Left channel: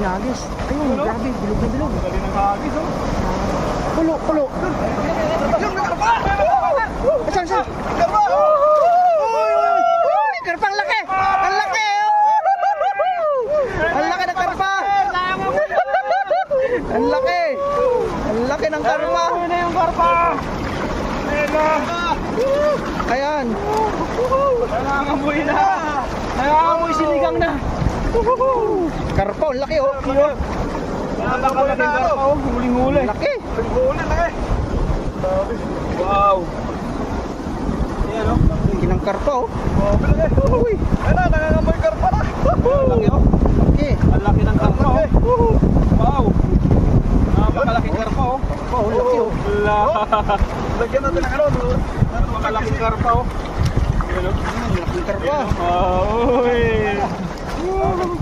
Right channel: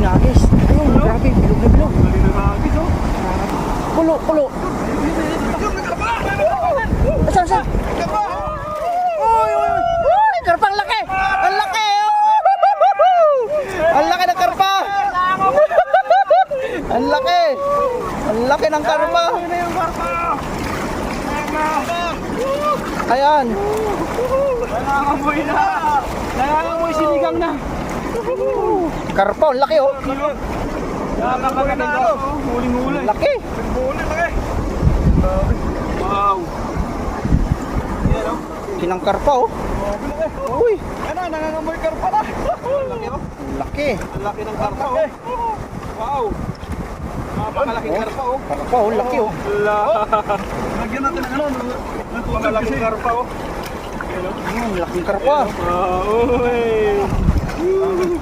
Galing na agis. Ayun, grabe, bilog na bilog. Galing ng agis, oh. Pulo, pulo. Saan, saan? Uy, uy, uy! Karpa, ang laki! Ang laki! Ang laki ng karpa! Ang laki! Ang laki ng karpa! Ayan! Nangangamoy na! Nangangamoy sinigang na! Karpa, ang laki oh! Nangangamoy na ano? Huling-huli. Laki! Huling-huli, laki! Wow! Kinang karpa oh! Uy! Ano, nangangamoy karpa na! Laki! Ang laki ng karpa, oh! Wow! Napakalaking karpa, oh! Karpa oh, laki oh! Lagyan natin ng ilon. Napakalaking karpa, oh! Laking karpa! Uy!